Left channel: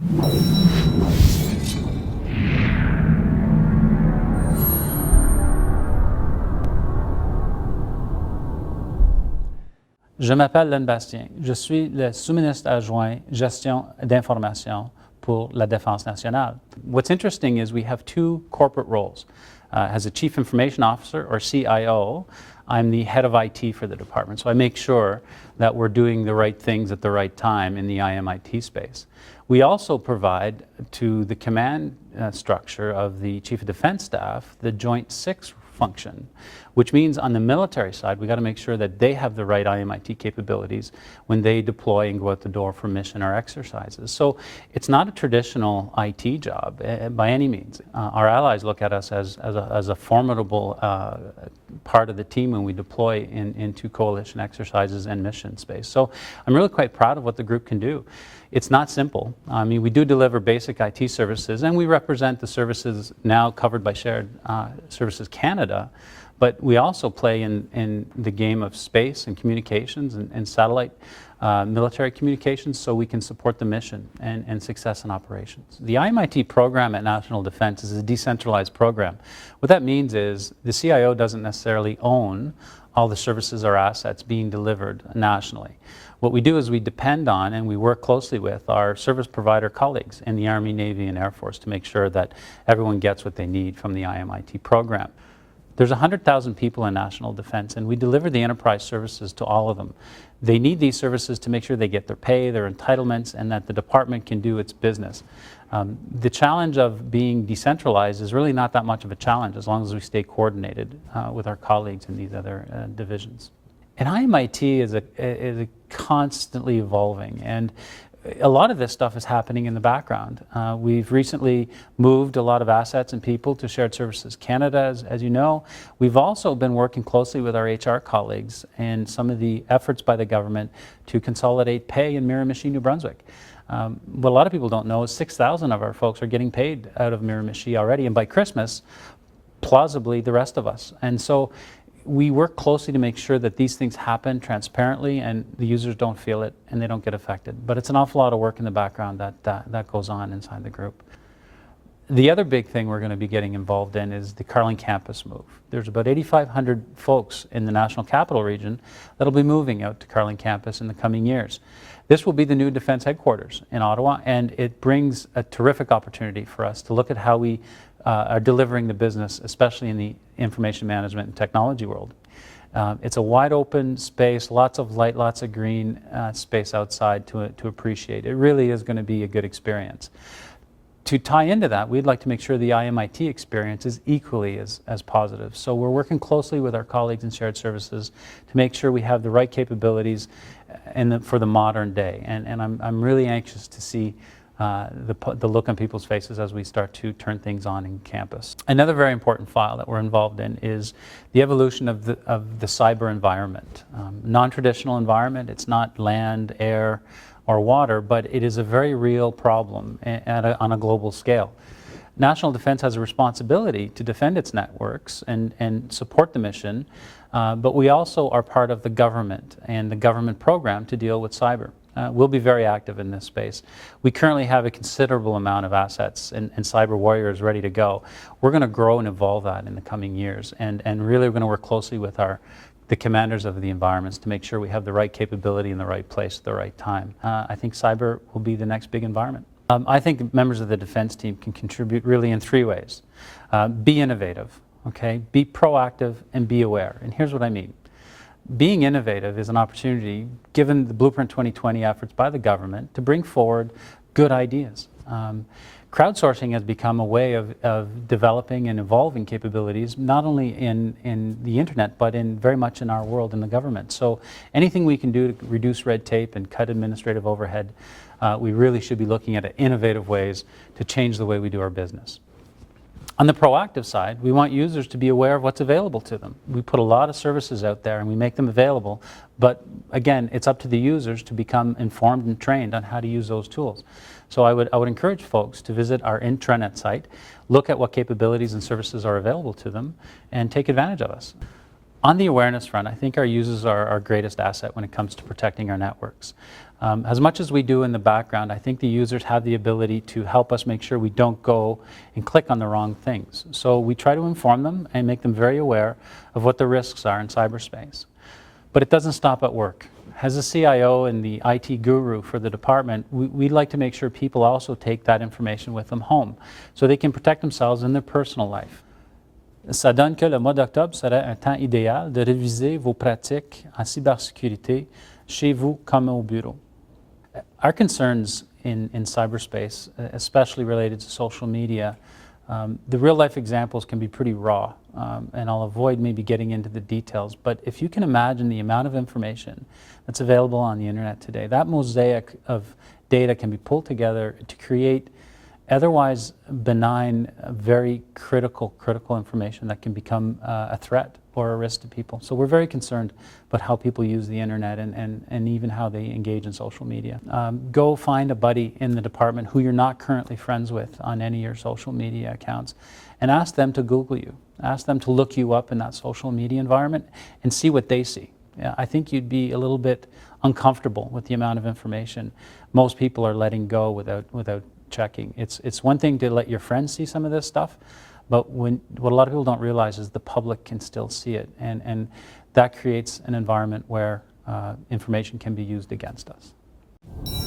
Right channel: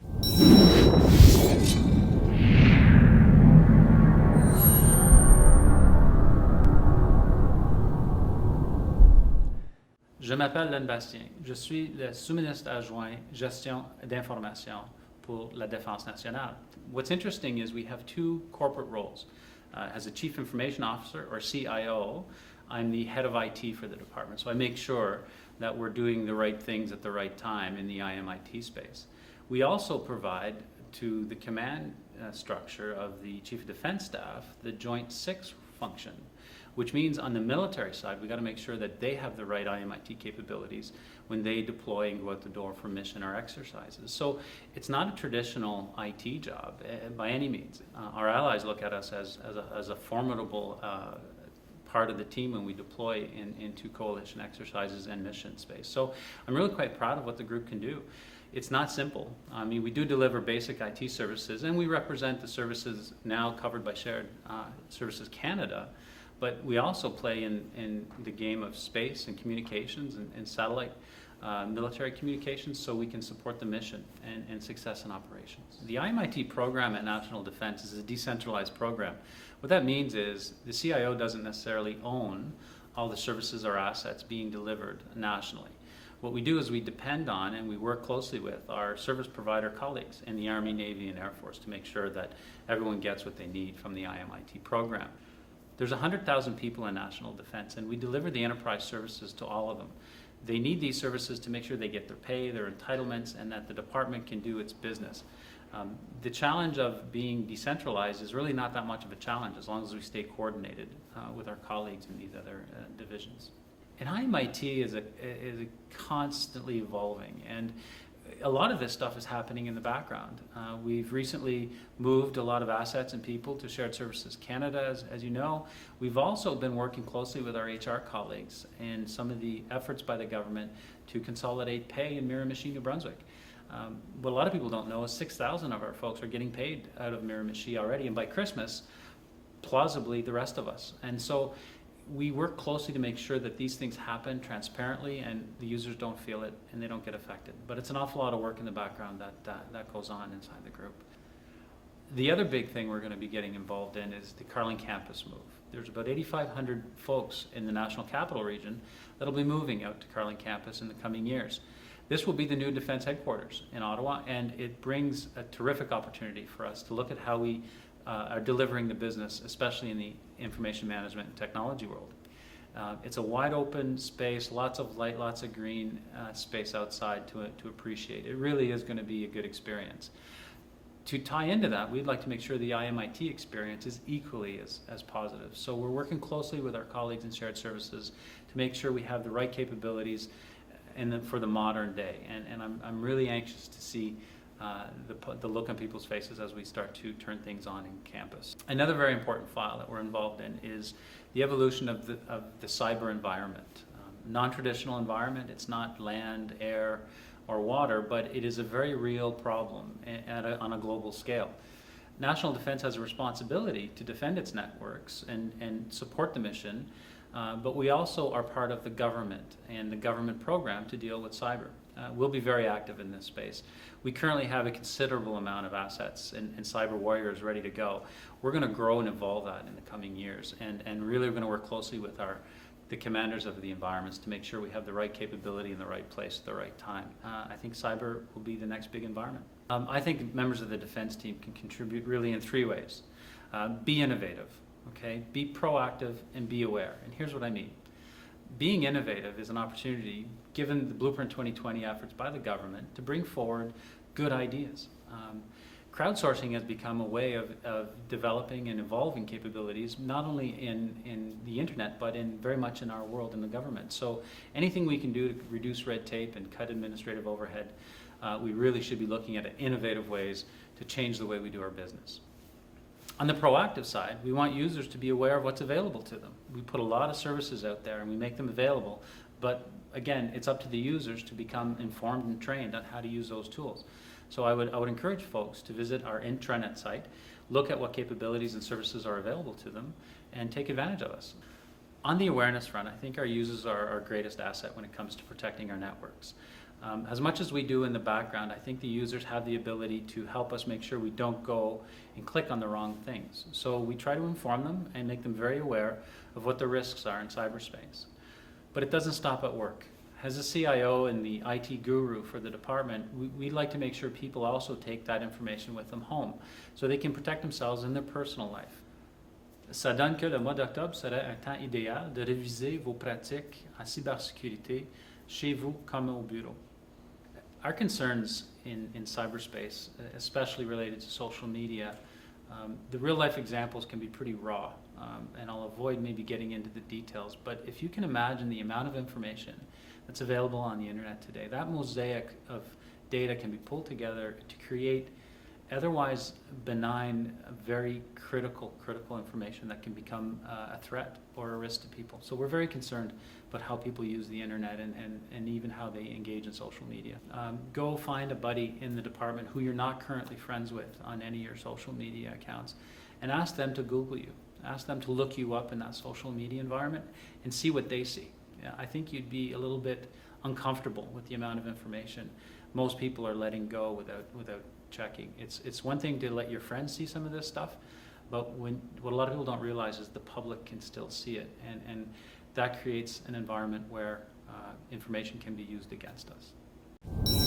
Je m'appelle Len Bastien. Je suis le sous-ministre adjoint gestion d'information pour la Défense nationale. What's interesting is we have two corporate roles. As a Chief Information Officer, or CIO, I'm the head of IT for the department, so I make sure that we're doing the right things at the right time in the IMIT space. We also provide to the command structure of the Chief of Defense Staff the Joint Six function, which means on the military side, we got to make sure that they have the right IMIT capabilities when they deploy and go out the door for mission or exercises. So it's not a traditional IT job by any means. Our allies look at us as a formidable part of the team when we deploy into coalition exercises and mission space. So I'm really quite proud of what the group can do. It's not simple. I mean, we do deliver basic IT services, and we represent the services now covered by Shared Services Canada, but we also play in the game of space and communications and satellite military communications, so we can support the mission and success in operations. The IMIT program at National Defense is a decentralized program. What that means is the CIO doesn't necessarily own all the services or assets being delivered nationally. What we do is we depend on and we work closely with our service provider colleagues in the Army, Navy, and Air Force to make sure that everyone gets what they need from the IMIT program. There's 100,000 people in national defense, and we deliver the enterprise services to all of them. They need these services to make sure they get their pay, their entitlements, and that the department can do its business. The challenge of being decentralized is really not that much of a challenge as long as we stay coordinated with our colleagues in these other divisions. And IMIT is a constantly evolving, and a lot of this stuff is happening in the background. We've recently moved a lot of assets and people to Shared Services Canada, as you know. We've also been working closely with our HR colleagues and some of the efforts by the government to consolidate pay in Miramichi, New Brunswick. What a lot of people don't know is 6,000 of our folks are getting paid out of Miramichi already, and by Christmas, plausibly the rest of us. And so we work closely to make sure that these things happen transparently and the users don't feel it and they don't get affected. But it's an awful lot of work in the background that goes on inside the group. The other big thing we're going to be getting involved in is the Carlin Campus move. There's about 8,500 folks in the National Capital Region that'll be moving out to Carlin Campus in the coming years. This will be the new defense headquarters in Ottawa, and it brings a terrific opportunity for us to look at how we are delivering the business, especially in the information management and technology world. It's a wide open space, lots of light, lots of green space outside to appreciate. It really is going to be a good experience. To tie into that, we'd like to make sure the IMIT experience is equally as positive. So we're working closely with our colleagues in shared services to make sure we have the right capabilities for the modern day. And I'm really anxious to see the look on people's faces as we start to turn things on in campus. Another very important file that we're involved in is the evolution of the cyber environment. Non-traditional environment, it's not land, air, or water, but it is a very real problem on a global scale. National Defense has a responsibility to defend its networks and support the mission, but we also are part of the government and the government program to deal with cyber. We'll be very active in this space. We currently have a considerable amount of assets and cyber warriors ready to go. We're going to grow and evolve that in the coming years, and really we're going to work closely with the commanders of the environments to make sure we have the right capability in the right place at the right time. I think cyber will be the next big environment. I think members of the defense team can contribute really in three ways. Be innovative, okay? Be proactive and be aware. And here's what I mean. Being innovative is an opportunity, given the Blueprint 2020 efforts by the government, to bring forward good ideas. Crowdsourcing has become a way of developing and evolving capabilities, not only in the internet, but very much in our world, in the government. So anything we can do to reduce red tape and cut administrative overhead, we really should be looking at innovative ways to change the way we do our business. On the proactive side, we want users to be aware of what's available to them. We put a lot of services out there and we make them available, but again, it's up to the users to become informed and trained on how to use those tools. So I would encourage folks to visit our intranet site, look at what capabilities and services are available to them, and take advantage of us. On the awareness front, I think our users are our greatest asset when it comes to protecting our networks. As much as we do in the background, I think the users have the ability to help us make sure we don't go and click on the wrong things. So we try to inform them and make them very aware of what the risks are in cyberspace. But it doesn't stop at work. As a CIO and the IT guru for the department, we'd like to make sure people also take that information with them home so they can protect themselves in their personal life. Ça donne que le mois d'octobre serait un temps idéal de réviser vos pratiques en cybersécurité chez vous comme au bureau. Our concerns in cyberspace, especially related to social media, the real life examples can be pretty raw, and I'll avoid maybe getting into the details, but if you can imagine the amount of information that's available on the internet today, that mosaic of data can be pulled together to create otherwise benign, very critical information that can become a threat or a risk to people. So we're very concerned about how people use the internet and even how they engage in social media. Go find a buddy in the department who you're not currently friends with on any of your social media accounts and ask them to Google you. Ask them to look you up in that social media environment and see what they see. Yeah, I think you'd be a little bit uncomfortable with the amount of information most people are letting go without checking. It's one thing to let your friends see some of this stuff, but what a lot of people don't realize is the public can still see it, and that creates an environment where information can be used against us.